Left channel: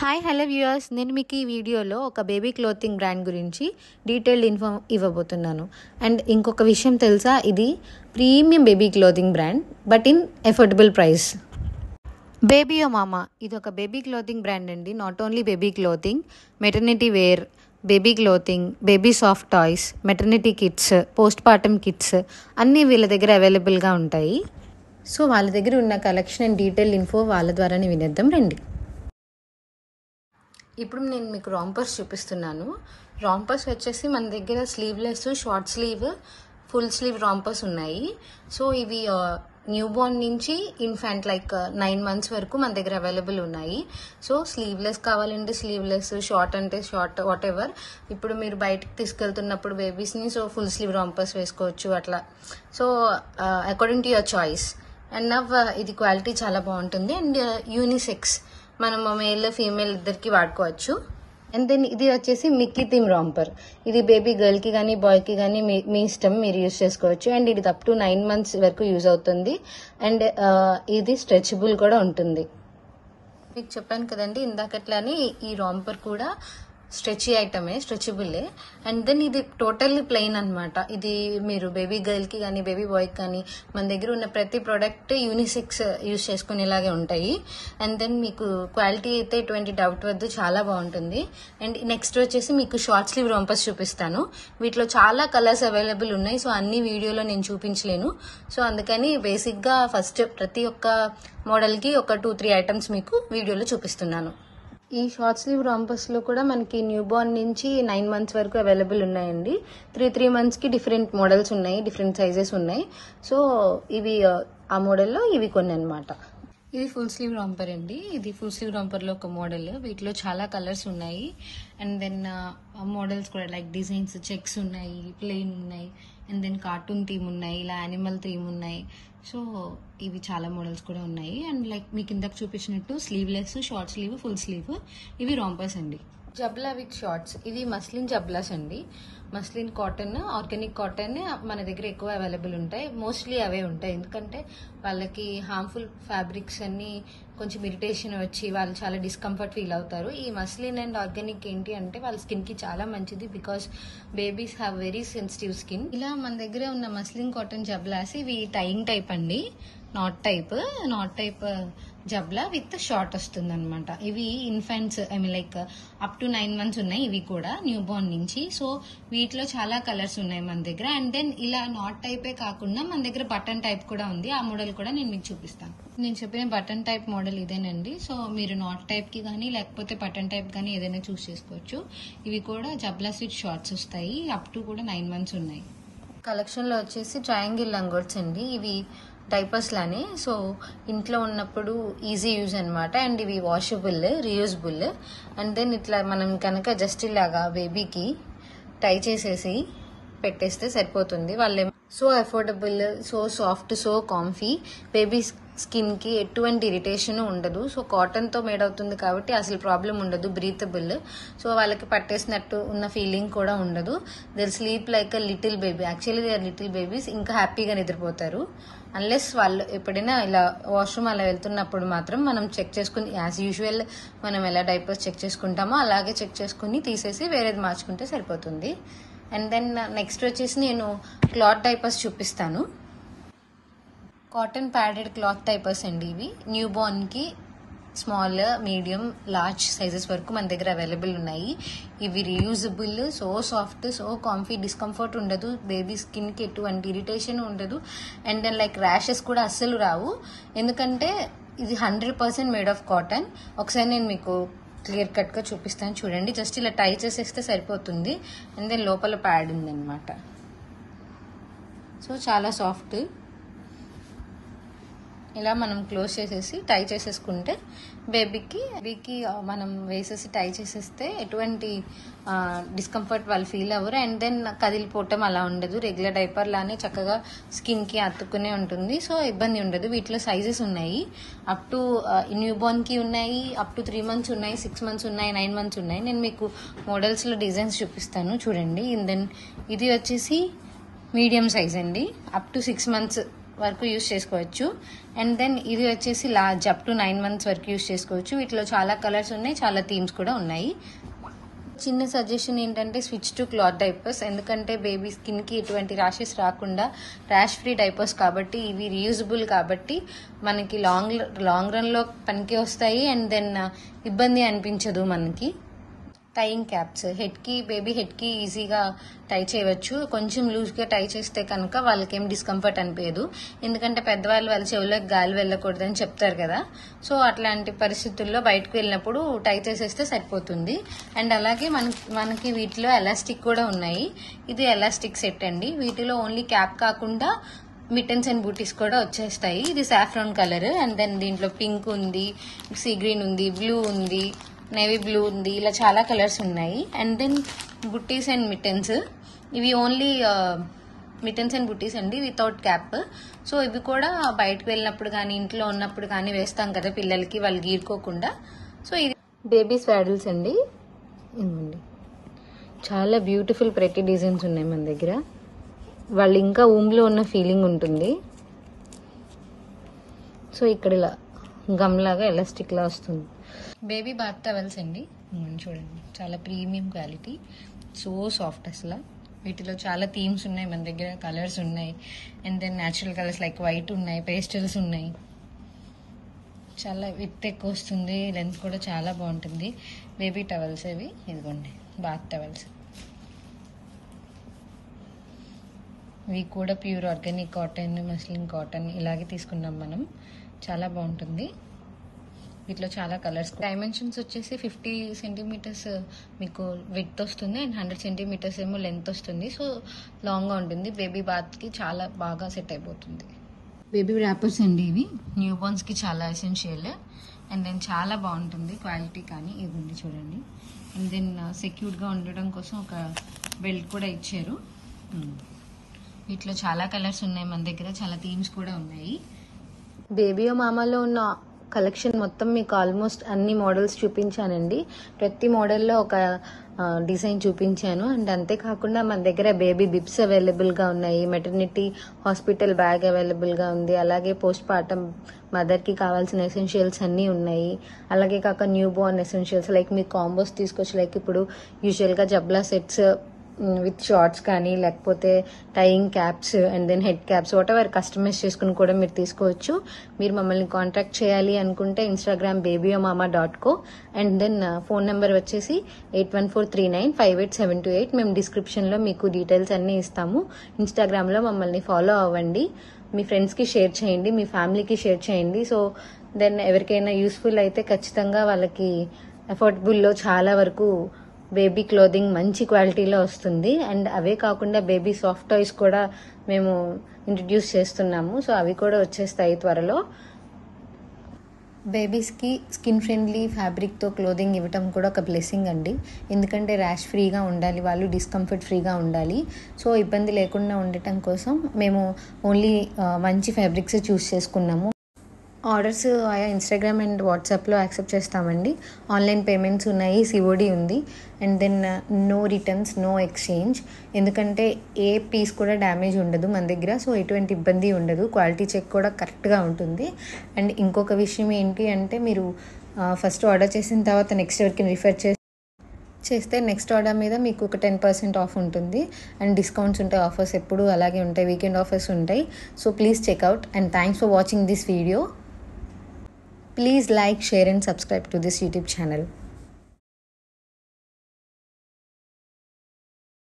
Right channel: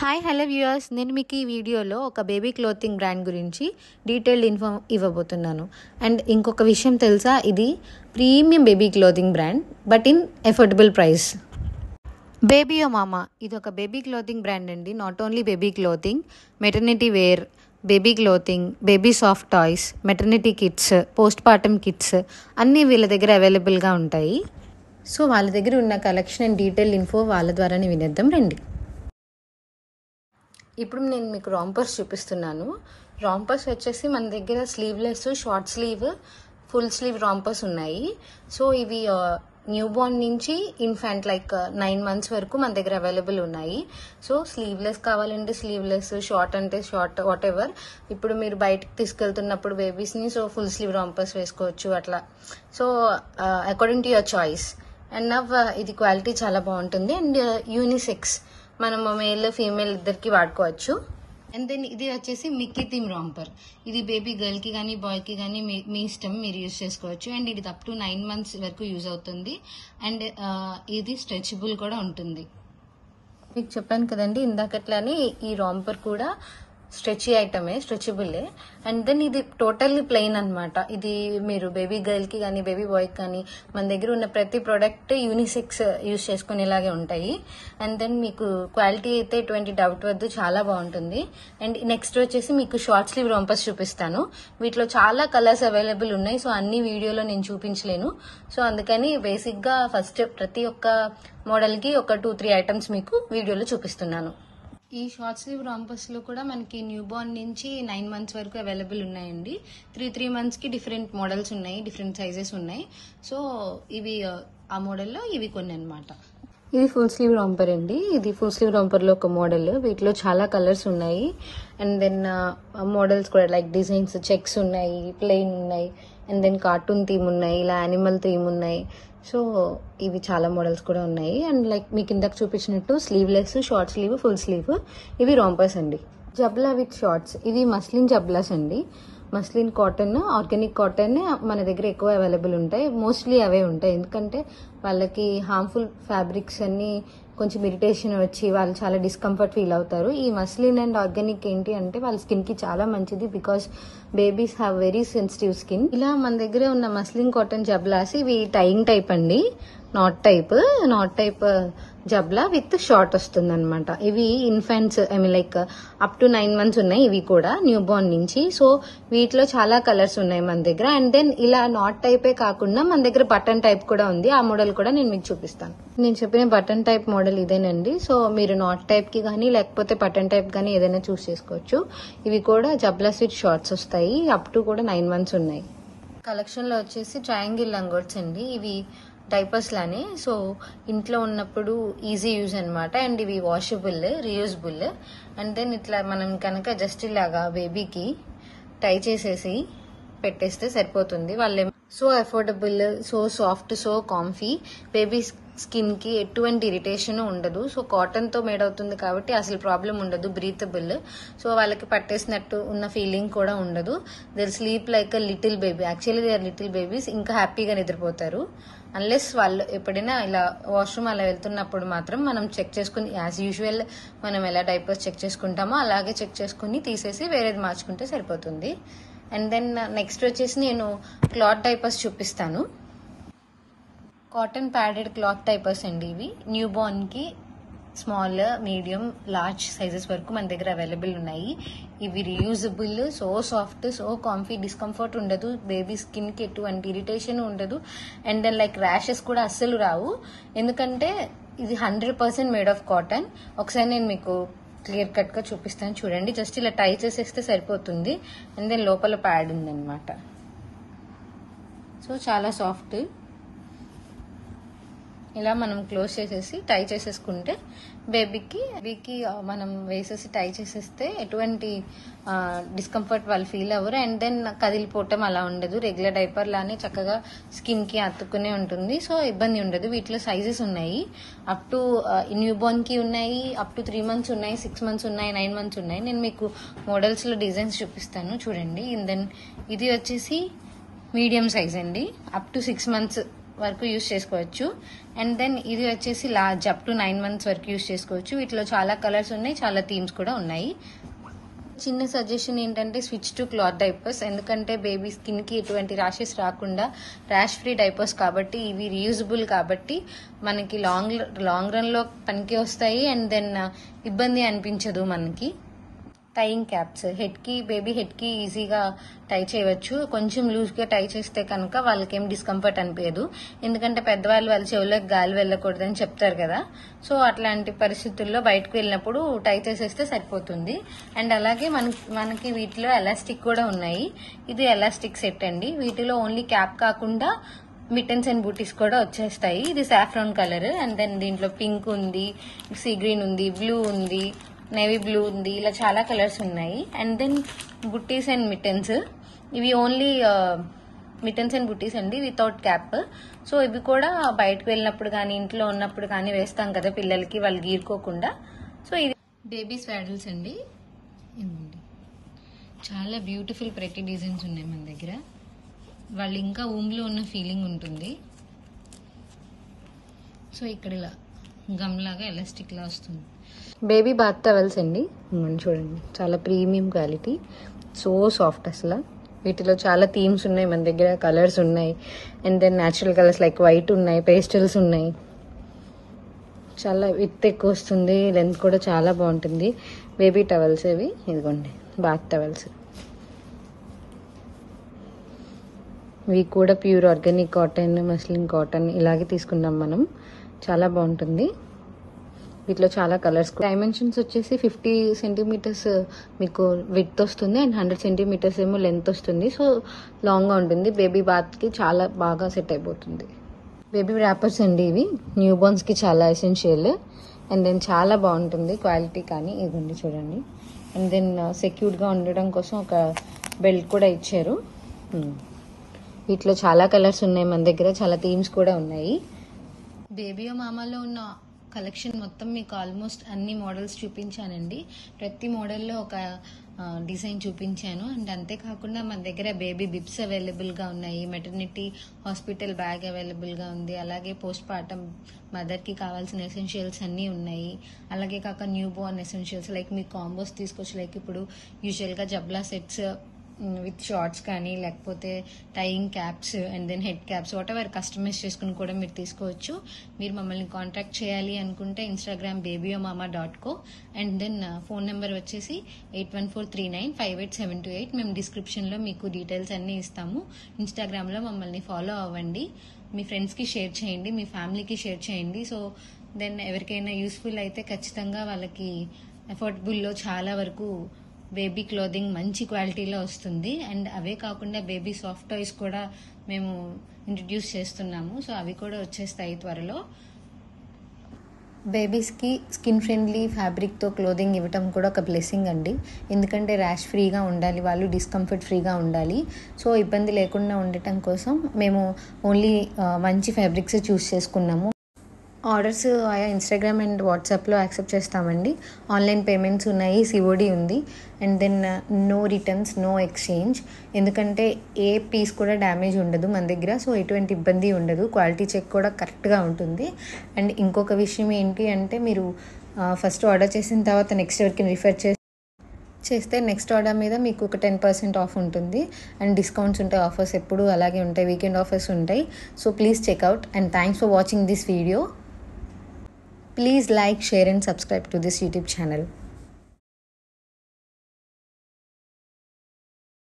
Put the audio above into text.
Hi hello viewers, నేను మీకు ఈ వీడియోలో ఒక బేబీ క్లోతింగ్ బ్రాండ్ గురించి డీటెయిల్డ్ ఇన్ఫో ఇవ్వబోతున్నాను. అండ్ ఇంకొక విషయం తెలుసా, ఇది premium baby clothing brand but in affordable price. బేబీయో మామా ఇది ఒక బేబీ క్లోతింగ్ బ్రాండ్ అండి. Not only baby clothing, maternity wear, baby clothing, baby soft toys, maternity kits, postpartum kits అన్నీ వీళ్ళ దగ్గర అవైలబుల్గా ఉంటాయి. సో వాళ్ళ దగ్గర ఉన్న కలెక్షన్ అండ్ డీటెయిల్ ఇన్ఫో వాళ్ళ ద్వారానే వినేద్దాం రండి. ఇప్పుడు నేను మీకు రాంపర్స్ చూపిస్తున్నాను. రాంపర్స్ వచ్చేసి మన దగ్గర sleeveless, short sleeve, full sleeve rompers ఉన్నాయి. సో ఇవి న్యూ బోర్న్ నుంచి ఇన్ఫాంట్ లైక్ 9 months వరకు మన దగ్గర అవైలబుల్ ఉన్నాయి. సో స్లీవ్లెస్ కావాలంటే స్లీవ్లెస్, షార్ట్ అంటే షార్ట్, వాట్ ఎవర్. ఇప్పుడు మీరు బయటకు తీసుకెళ్తున్నప్పుడు బేబీస్ని సో ఫుల్ స్లీవ్ రాంపర్స్ వేసుకోవచ్చు అట్లా. So according to your choice. And now ఇది క్వాలిటీ చాలా బాగుంటుంది అండ్ యూనిసెక్స్, మనం మేల్ ఫీమేల్ ఇద్దరికి వాడుకోవచ్చు. అండ్ దెన్ ఇది వచ్చేసి మిక్కీ థీమ్ రాంపర్. ఇది బేబీ గర్ల్ కి కానీ బాయ్ కి కానీ మీ ఇష్టం, మీరు యూజ్ చేసుకోవచ్చు. అండ్ ఇది అప్ టు 9 months వరకు యూజ్ అవుతుంది. అండ్ ఇది స్ట్రెచబుల్ కూడా ఉంటుంది. మీకు చెప్పాను కదండి ఇందాకట్లానే, ఈ రాంపర్ కూడా స్ట్రెచీ ఐటమే, స్ట్రెచబులే. అండ్ దెన్ ఇది టోటల్లీ ప్లెయిన్ అనమాట. ఇది మీరు బేబీ గర్ల్ కి కానీ బేబీ బాయ్ కానీ మన దగ్గర ఉన్న ప్రతి ప్రోడక్ట్ యూనిసెక్స్ యూజ్ చేసుకునేలాగే ఉంటాయి. అండ్ దెన్ మీకు క్వాలిటీ అయితే ఎటువంటి డౌట్ వద్దు, చాలా బాగుంటుంది. అండ్ నెక్స్ట్ వచ్చేసి మీకు షార్ట్ స్లీవ్ రాంపర్స్ చూపిస్తాను. వీటిలో చాలా కలర్స్ అవైలబుల్ ఉన్నాయి. సో అన్ని వీడియోలో నేను చూపించలేను. సో అందుకని బేసిక్ గా ఫస్ట్ ప్రతి ఒక్క మోడల్ కి ఒక 2-3 ఐటమ్స్ మీకు వీడియోలో చూపిస్తున్నాను. ఈ షార్ట్ స్లీవ్ రాంపర్స్ లో కూడా మనకి న్యూ బోర్న్ నుంచి 9 months వరకు అవైలబుల్ ఉన్నాయండి. 3 months కి డిఫరెంట్ మోడల్స్ ఉన్నాయి, డిఫరెంట్ సైజెస్ ఉన్నాయి. సో ఇవి ఆ మోడల్లో ఇవి కొన్ని అనమాట. ఇది ఫుల్ స్లీవ్ రాంపర్ అండి. ఇది ఫుల్ స్లీవ్ రాంపర్ లో ఒక మోడల్. వీటిలో చాలా కలర్స్ ఉన్నాయి. అండ్ దెన్ మోడల్స్ కూడా లైక్ డిజైన్స్, చెక్స్ ఉన్నాయి, ప్లెయిన్ ఉన్నాయి, అండ్ దెన్ కార్టూన్ థీమ్ ఉన్నాయి, ఇలా యానిమల్ థీమ్ ఉన్నాయి. సో ఇవి చాలా మోడల్స్ కూడా ఉన్నాయి. అండ్ లైక్ మీకు ఇందాక చూపించినట్టు sleeveless, short sleeve, full slew, ఇవి రాంపర్స్ అండి. జబ్లా విత్ షార్ట్స్, ఇది మస్లిన్ జబ్లాస్ అండి. మస్లిన్ కాటన్, ఆర్గానిక్ కాటన్ మన దగ్గర ఎక్కువ అవైలబుల్ ఉంటాయి. మోస్ట్లీ అవే ఉంటాయి, ఎందుకంటే వాళ్ళకి హార్మ్ఫుల్ ఫ్యాబ్రిక్స్ అన్ని కొంచెం ఇరిటేషన్ వచ్చి వాళ్ళు చాలా డిస్కంఫర్ట్ ఫీల్ అవుతారు. ఈ మస్లిన్ అండ్ ఆర్గానిక్ ఏంటి అంటే వాళ్ళ స్కిన్ కి చాలా మంచిది, because babies have very sensitive skin. ఇలా మన దగ్గర ఉన్న మస్లిన్ కాటన్ జబ్లాస్ ఇవి టైయింగ్ టైప్ అండి, నాట్ టైప్ జబ్లా విత్ షార్ట్ వస్తుంది అనమాట. ఇవి infants, I mean like up to 9 months ఉన్నాయి. ఇవి కూడా న్యూ బోర్న్ నుంచి. సో వీటిలో చాలా కలర్స్ ఉన్నాయి మన దగ్గర. అండ్ దెన్ ఇలా నాట్ టైపే కాకుండా మన దగ్గర బటన్ టైప్ కూడా ఉంది. ఆ మోడల్ కూడా నేను మీకు చూపిస్తాను. నేను చెప్పిన బటన్ టైప్ మోడల్ ఇదేనండి. సో మీరు నాట్ టైప్ కి కానీ లేకపోతే బటన్ టైప్ కానీ ఏదైనా చూస్ చేసుకోవచ్చు. ఇవి కూడా జబ్లాస్ విత్ షార్ట్స్ వస్తాయి. అప్ టు కూడా 9 months ఉన్నాయి. కలెక్షన్ లో వచ్చేసి ట్రయాంగిల్ లంగోట్స్ అండి. ఇవి డైపర్స్ లానే, సో ఇంట్లో ఉన్నప్పుడు ఈజీ యూజ్ అనమాట. అండ్ ఇవి వాషబుల్, రీయూజబుల్. అండ్ దెన్ ఇట్లా మనం కనుక జస్ట్ ఇలాగా బేబీకి టై చేసేసి పెట్టేస్తే సరిపోతుంది. వాళ్ళే so affordable, so soft, so comfy. Baby skin కి ఎటువంటి ఇరిటేషన్ ఉండదు. సో కాటన్ తో మేడ్ అవుతుంది కాబట్టి అసలు ప్రాబ్లం ఉండదు, బ్రీతబుల్. సో వాళ్ళకి పట్టేసినట్టు ఉన్న ఫీలింగ్ కూడా ఉండదు. They sleep like a little baby. Actually they are little babies. ఇంకా హ్యాపీగా నిద్రపోతారు. అన్లెస్ వాళ్ళు ఎప్పుడైనా ఇలా వాష్రూమ్ అలా వెళ్తున్నప్పుడు మాత్రం మనం చెక్ చేసుకుని, యాజ్ యూజువల్ మనం ఎలా డైపర్స్ చెక్ చేసుకుంటామో అలాగే చెక్ చేసుకుని తీసేసి వేరేది మార్చుకుంటే సరిపోతుంది. అండ్ దెన్ నెక్స్ట్ వచ్చేసి నేను క్లాత్ డైపర్స్ చూపిస్తాను. కాటన్ ప్యాడెడ్ క్లాత్ డైపర్స్ అండి ఇవి. న్యూ బోర్న్ కి స్మాల్, మీడియం, లార్జ్ సైజెస్ వరకు మన దగ్గర అవైలబుల్ ఉన్నాయి. ఇవి reusable, so soft, so comfy, discomfort ఉండదు. బేబీ స్కిన్ కి ఎటువంటి ఇరిటేషన్ ఉండదు. అండ్ దెన్ లైక్ ర్యాషెస్ కూడా అస్సలు రావు, ఎందుకంటే ఇది 100% మేడ్ ఆఫ్ కాటన్. ఒకసారి నేను మీకు క్లియర్ కట్ గా చూపిస్తాను చూడండి. జస్ట్ ఇలా టై చేసేస్తే సరిపోతుంది. అండ్ దెన్ లోపల ప్యాడ్ ఉందన్నమాట. సో చాలా సాఫ్ట్. ఇలా మనం క్లోజ్ చేసేసి టై చేసేసుకుంటే బేబీకి మనం వేసేసి టై చేసేస్తే ఎటువంటి డిస్కంఫర్ట్ వాళ్ళు ఫీల్ అవ్వరు. అండ్ దెన్ కదిలిపోవటం అలా ఉండదు. రెగ్యులర్ డైపర్ లానే చక్కగా స్కిన్ కి అతుక్కునే ఉంటుంది. సో ఇబ్బంది ఉండదు. వీటిలో సైజెస్ ఉన్నాయి. అప్ టు న్యూ బోర్న్ కి ఉన్నాయి, అప్ టు 3 months ఉన్నాయి, 6 months ఉన్నాయి, 9 months ఉన్నాయి. నేను మీకు మోడల్స్ లో డిజైన్స్ చూపిస్తాను చూడండి. అండ్ దెన్ ఇది వచ్చేసి మీడియం సైజ్ అండి. అప్ టు 6 months వరకు యూస్ చేసుకోవచ్చు. అండ్ దెన్ ఇది వచ్చేసి లార్జ్ అప్ టు 9 months వరకు యూస్ చేసుకోవచ్చు. వీటిలో చాలా కలర్స్ ఉన్నాయి, చాలా థీమ్స్ కూడా ఉన్నాయి. చిన్న సజెషన్ ఏంటంటే స్విచ్ టు క్లాత్ డైపర్స్. ఎందుకంటే బేబీ స్కిన్ కి ఎటువంటి ర్యాషెస్ రాకుండా ర్యాష్ ఫ్రీ డైపర్స్ కాబట్టి ఇవి రీయూజబుల్ కాబట్టి మనకి లాంగ్ రన్ లో పనికి వస్తాయి. అండ్ దెన్ ఇబ్బంది అనిపించదు మనకి. టైయింగ్ క్యాప్స్ బేబీ హెడ్ కి ఈజీగా టై చేయవచ్చు. కొంచెం లూజ్ గా టై చేస్తే కనుక వాళ్ళకేం డిస్కంఫర్ట్ అనిపించదు. ఎందుకంటే పెద్దవాళ్ళు వాళ్ళ చెవులకు గాలి వెళ్ళకూడదని చెప్తారు కదా. సో అట్లాంటి పరిస్థితుల్లో బయటకు వెళ్ళినప్పుడు టై చేసేస్తే సరిపోతుంది. అండ్ అలాగే మనకి వీటిలో ఎలాస్టిక్ కూడా ఉన్నాయి. ఇది ఎలాస్టిక్ సెట్ అండి. వీటిలో ఓన్లీ క్యాప్ కాకుండా మిటన్స్ అండ్ బూటీస్ కూడా వచ్చేస్తాయి. ఇది సాఫ్రాన్ కలర్. అండ్ దెన్ దీంట్లో పింక్ ఉంది, సీ గ్రీన్ ఉంది, బ్లూ ఉంది, నేవీ బ్లూ ఉంది, ఇలా చాలా కలర్స్ ఉన్నాయి. And then booties and mittens. ఇవి ఓన్లీ మిటన్స్ అండ్ బుట్టీస్ అండి, వితౌట్ క్యాప్. సో ఇవి కూడా బయటకు వెళ్ళినప్పుడు కానీ ఇంట్లో ఉన్నప్పుడు కానీ వేస్తాం కదా పిల్లలకి, వాళ్ళు గీరుకోకుండా. సో ఇది బేబీ స్వాడిల్స్ అండి. చాలా బ్యూటిఫుల్ ప్రతి డిజైన్స్ ఉన్నాయి మన దగ్గర. వాళ్ళు ఇంకా ఊమ్లో ఉన్న ఫీలింగ్ ఉంటుంది. సో ఇక్కడ ఇలా గమ్లాగా ఎలాస్టిక్ లా వస్తుంది. బేబీ బాత్ టవల్స్ అండి. చూడండి, చాలా ప్రీమియం క్వాలిటీ, సో సాఫ్ట్ అసలు. వీటిలో చాలా థీమ్స్ ఉన్నాయి మన దగ్గర, కలర్స్ ఉన్నాయి. And then natural colours like white ఉన్నాయి, పేస్టల్స్ ఉన్నాయి. చాలా విత్ ఎక్కువ వస్తుంది, లెంత్ కూడా చాలా బాగుంటుంది. బేబీ టవల్స్ ఇవి, ఇదిగోండి బాత్ టవల్స్. ఇవి కూడా pure organic cotton, muslin cotton ఇలాగే తీసుకుందాం మనం. చాలా బాగుంటుంది. వీటిలో చాలా కలర్స్. డైమెన్షన్స్ వచ్చేసి 50 centimeters మీకు విడ్త్ వస్తుంది అండ్ 100 centimeters ఏమో లెంత్ వస్తుంది. సో లాంగ్ గా ఉంటుంది. బేబీ బాత్ కి చాలా బాగా సెట్ అయిపోతుంది. బేబీ ర్యాపర్స్ అండి. ఇవి న్యూ బోర్న్స్ కి చాలా ఎసెన్షియల్. అండ్ దెన్ చాలా బాగుంటుంది క్వాలిటీ కానీ. ఇవ్వండి చూడండి. అండ్ దెన్ సెక్యూర్ గా ఉండడం కోసం ఒక బెల్ట్ కూడా ఇచ్చారు. వీటిలో చాలా కలర్స్ ఉన్నాయి మన దగ్గర, చాలా థీమ్స్ కూడా ఉన్నాయి. బేబీ మామాలో ఉన్న కలెక్షన్ మొత్తం మీకు ఆల్మోస్ట్ అన్ని మోడల్స్ చూపించానండి. ప్రతి మోడల్లో ఒక డిజైన్ చూపించాను. అండ్ అంతేకాకుండా మన దగ్గర బేబీ బిబ్స్ అవైలబుల్ గా ఉన్నాయి, మెటర్నిటీ హాస్పిటల్ బ్యాగ్ అవైలబుల్ గా ఉంది, అలాగే పోస్ట్ పార్టం మదర్ కి కావాల్సిన ఎసెన్షియల్స్ అన్ని ఉన్నాయి. అలాగే కాక న్యూ బోర్న్ ఎసెన్షియల్స్ లైక్ మీకు కాంబోస్ తీసుకోవచ్చు. లైక్ ఇప్పుడు యూజువల్ గా జబ్లా సెట్స్ విత్ షార్ట్స్ కానీ, లేకపోతే tying caps and then head caps whatever customise చేసుకుని కూడా మీరు తీసుకోవచ్చు. మీరు మమ్మల్ని కాంటాక్ట్ చేయాలి అనుకుంటే Instagram babyomama.co and then phone number వచ్చేసి 8143958728. మేము డిస్క్రిప్షన్ లో మీకు డీటెయిల్స్ అన్ని ఇస్తాము. ఇన్స్టాగ్రామ్ లో మమ్మల్ని ఫాలో అవ్వండి. మీ ఫ్రెండ్స్ కి షేర్ చేయండి, మీ ఫ్యామిలీకి షేర్ చేయండి. సో దెన్ ఎవరికైనా యూస్ఫుల్ అయితే ఖచ్చితంగా వాళ్ళకి అఫోర్డబుల్ లో చాలా వరకు బేబీ క్లోదింగ్ మంచి క్వాలిటీలో వస్తుంది. అండ్ అవే కాకుండా బేబీ సాఫ్ట్ టాయ్స్ కూడా మేము ఇంట్రడ్యూస్ చేస్తున్నాము. సో అవి కూడా వచ్చేస్తాయి త్వరలో. బేబీస్ కి స్కిన్ ఫ్రెండ్లీ ఫ్యాబ్రిక్ తో క్లోదింగ్ ఇవ్వటం కూడా ఒక బ్లెస్సింగ్ అండి. ఎందుకంటే ర్యాష్ ఫ్రీగా ఉండాలి, వాళ్ళు డిస్కంఫర్ట్ ఫ్రీగా ఉండాలి. సో ఇబ్బంది లేకుండా ఉండటం కోసం మేము ఓన్లీ మంచి ఫ్యాబ్రిక్స్ చూస్ చేసుకున్నాము. ఆర్డర్స్ ఆయా ఇన్స్టాగ్రామ్ అండ్ వాట్సాప్లో యాక్సెప్ట్ చేస్తామండి. ఆన్లైన్ పేమెంట్స్ ఉన్నాయి, సిఓడి ఉంది. And then no returns, no exchange. ఎందుకంటే ఏ పీస్ కూడా డ్యామేజ్ ఉండదు మన దగ్గర. సో ఎటువంటి ఇబ్బంది ఉండదు. క్వాలిటీ చెక్ కూడా కరెక్ట్గా ఉంటుంది. అండ్ ఇంకొక విషయం ఏంటి అంటే మీరు ఫస్ట్ ఆర్డర్ చేసిన తర్వాత నెక్స్ట్ ఎవరికి రిఫర్ చేస్తే నెక్స్ట్ ఆర్డర్ మీద మీకు ఒక 10% ఆఫ్ ఉంటుంది. అండ్ డిస్కౌంట్స్ ఉంటాయి, ఆఫర్స్ ఎప్పుడు అలాగే ఉంటాయి, వీకెండ్ ఆఫర్స్ ఉంటాయి. So please check out and thanks for watching this video. Please like, share and subscribe to this YouTube channel.